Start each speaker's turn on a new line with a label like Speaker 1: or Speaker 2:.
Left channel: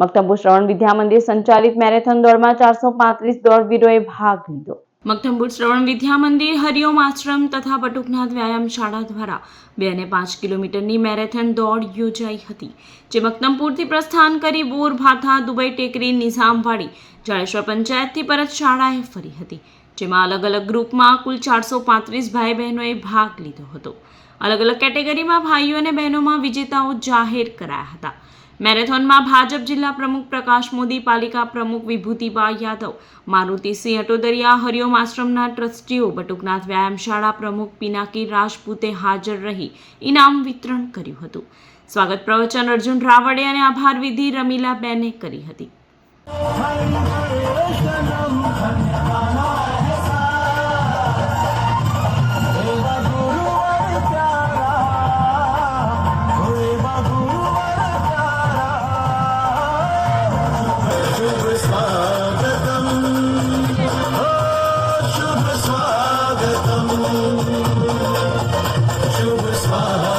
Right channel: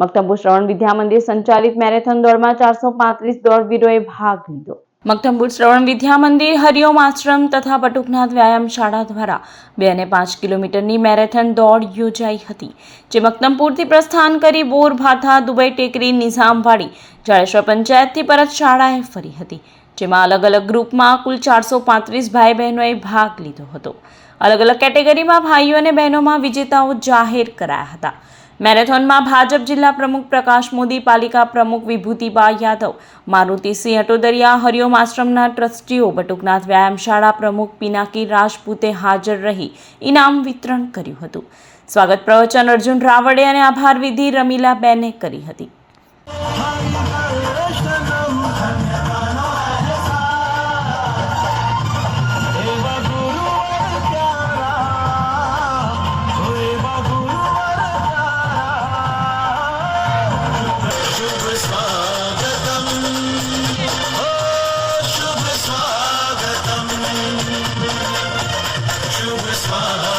Speaker 1: મક્તમપુર શ્રવણ વિદ્યા મંદિર સંચાલિત મેરેથોન દોડમાં ચારસો પાંત્રીસ દોડવીરોએ ભાગ લીધો. મક્તમપુર શ્રવણ વિદ્યા મંદિર હરિઓમ આશ્રમ તથા બટુકનાથ વ્યાયામ શાળા દ્વારા બે અને પાંચ કિલોમીટરની મેરેથોન દોડ યોજાઈ હતી, જે મક્તમપુરથી પ્રસ્થાન કરી બોર, ભાથા, દુબઈ ટેકરી, નિઝામવાડી, જાડેશ્વર પંચાયતથી પરત શાળાએ ફરી હતી, જેમાં અલગ અલગ ગ્રુપમાં કુલ ચારસો પાંત્રીસ ભાઈ બહેનોએ ભાગ લીધો હતો. અલગ અલગ કેટેગરીમાં ભાઈઓ અને બહેનોમાં વિજેતાઓ જાહેર કરાયા હતા. મેરેથોનમાં ભાજપ જિલ્લા પ્રમુખ પ્રકાશ મોદી, પાલિકા પ્રમુખ વિભૂતિબા યાદવ મારુતિસિંહ અટોદરિયા, હરિઓમ આશ્રમના ટ્રસ્ટીઓ, બટુકનાથ વ્યાયામશાળા પ્રમુખ પિનાકી રાજપૂતે હાજર રહી ઇનામ વિતરણ કર્યું હતું. સ્વાગત પ્રવચન અર્જુન રાવડે અને આભાર વિધિ રમીલાબેને કરી હતી.
Speaker 2: शुभ स्वागतम्